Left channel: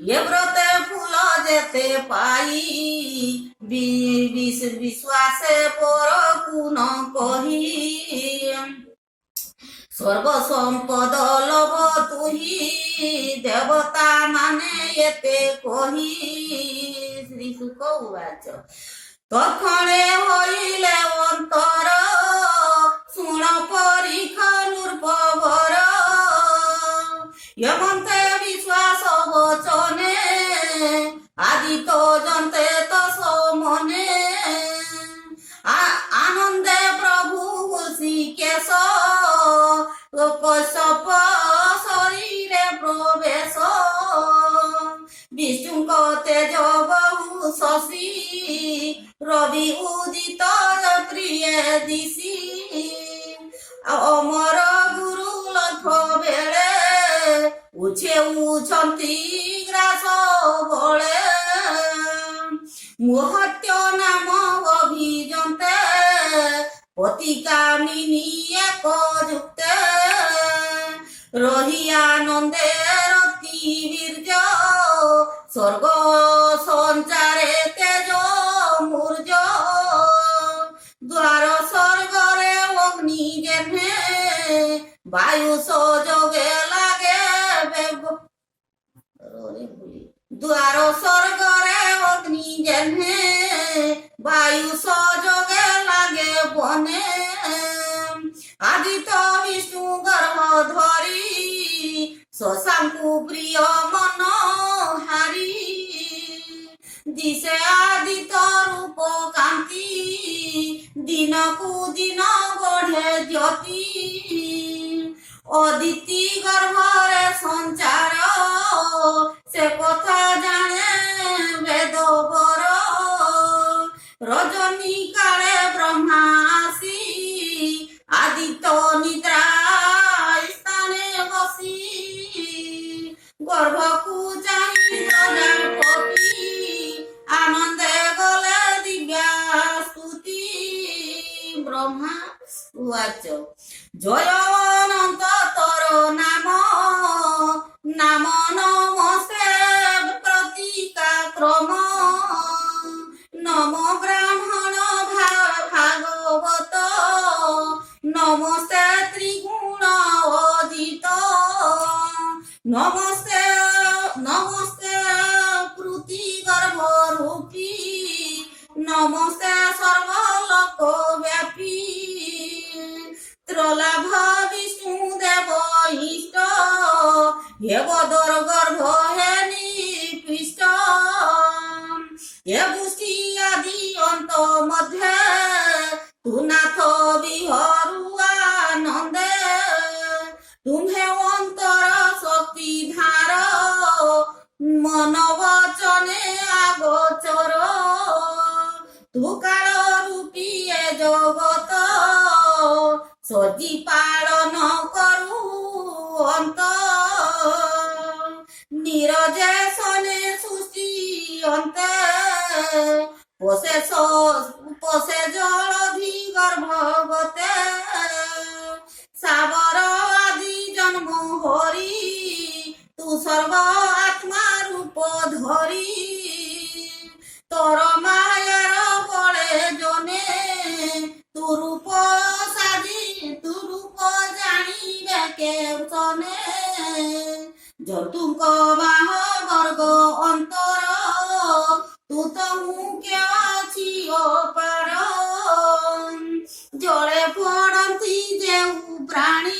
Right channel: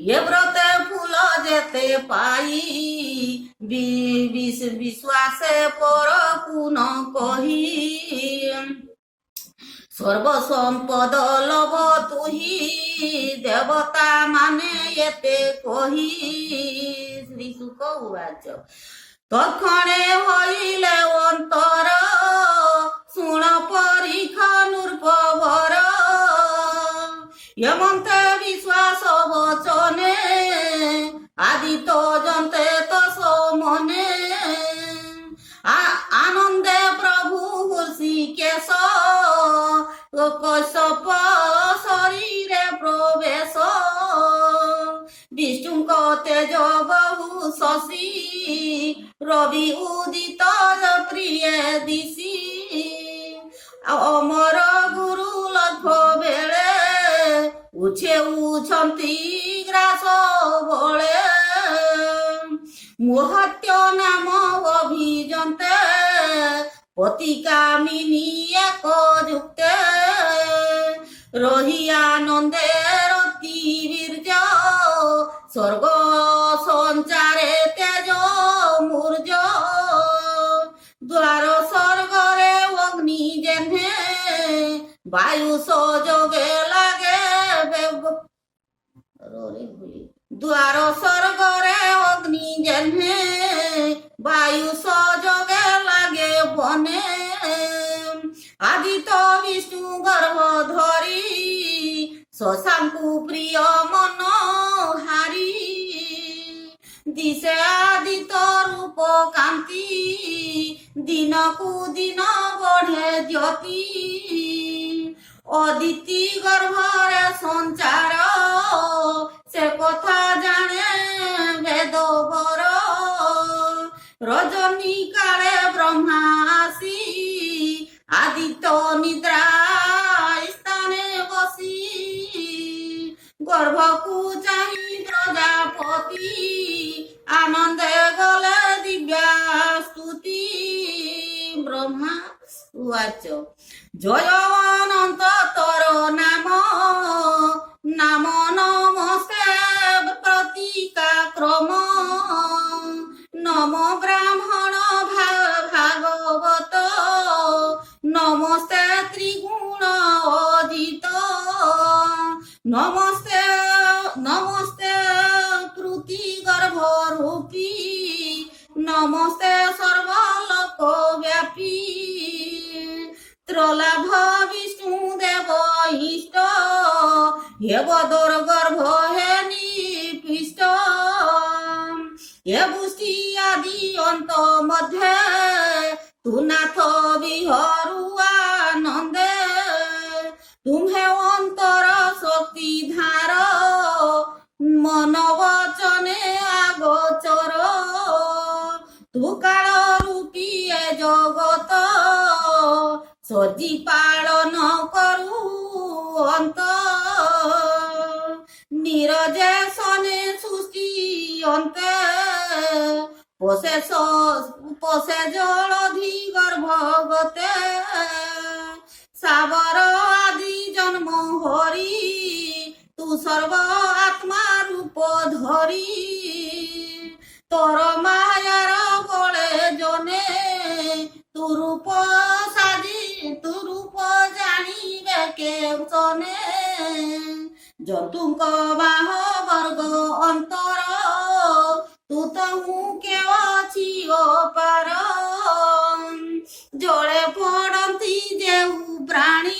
ଏ ବ୍ରତେ ଫୁଲ ଯେତେ ପାଇ ବିଶ୍ୱାସେ ପରକୁ ନ କହି ସର୍ବସମ୍ପଦ ଲୋଭ ତୁହି ଦେବତା ମାନେ ଏତେ କହି ଶ୍ରୀ ଶୁକ ଉବାଚ তক্ষণে হইলে অন্তর শুণ পরীক্ষা নূর্পবর এমন্তে বিশ্বাস বচনে আদিত জন্তে তস মনে আনন্দে প্রভু হৃষিকেশ কশ্যপ শরীরে প্রবেশ বিষ্ণুଙ୍କ তেজ বহু শশী রবি উদিত প্রিয়ে দিশি অমর গুরু লক্ষ বেড়ে উছন্তি গ্রাস বଳେ মুহূর্ত নাম অভিযন্তে পতিকামিনী এক যুক্তে রহি আনন্দে রতি বীর্য স্বর্গ সঞ্চারে তেজ মূর্য দ্বার স্বর্গরে অগ্নি যেনে বায়ু সযোগে লাগে দ্বার স্বর্গরে অগ্নি যেনে বায়ু সযোগে লাগে বনে আদিত বিষ্ণু গর্ভ ধরি শশাঙ্কু প্রিয় মনোহারি দিশে আদিত রূপ কান্তি দিনকু দিন বঢ়ে জ্যোতি অদিতি গর্ভরে সঞ্চার সে কথা জানে বেদবর রজনী কালে ব্রহ্মা আসি আদিত নিদ্রা স্থানে বসি গর্ভকু চাহি প্রজাপতি আনন্দে গলে দিব্যা স্তুতি ব্রহ্মা উবাচ জয় অনন্ত তর নাম নাম নমস্তে প্রতীকা ক্রম নম ব্রাহ্মণ ভাগবত নমস্তে ত্রিগুণ অজিত নমস্তে নমস্তে প্রতি গর্ভরূপী নমস্তে সর্বলোক ব্যাপী ত্রলাভ বিষ্ণু দেব ইষ্ট হে বদর গর্ভ হে নিপৃষ্ট হে পুষ্টি আদি অন্ত মধ্যে তু নাথ বিহরু আনন্দে তুমে অন্তর শক্তি ধার মন বচনে আগোচর তু কাল রূপী এ জগত সজি পালন করু অন্ত নিরজে সনে সৃষ্টি অন্তে পোষে জলধি গর্ভগতে সাবর আদি জন্ম হরি তু সর্ব আত্মা রূপ ধরি তোর মায়ার বলে জনে তু রূপ সাজি তু রূপ জানিবে কেউচনে জতুଙ୍କ বাহ বর্গ অন্তর তু তহু কে ଅଛି অপার জলে পড়ନ୍ତି যেউ প্রাণী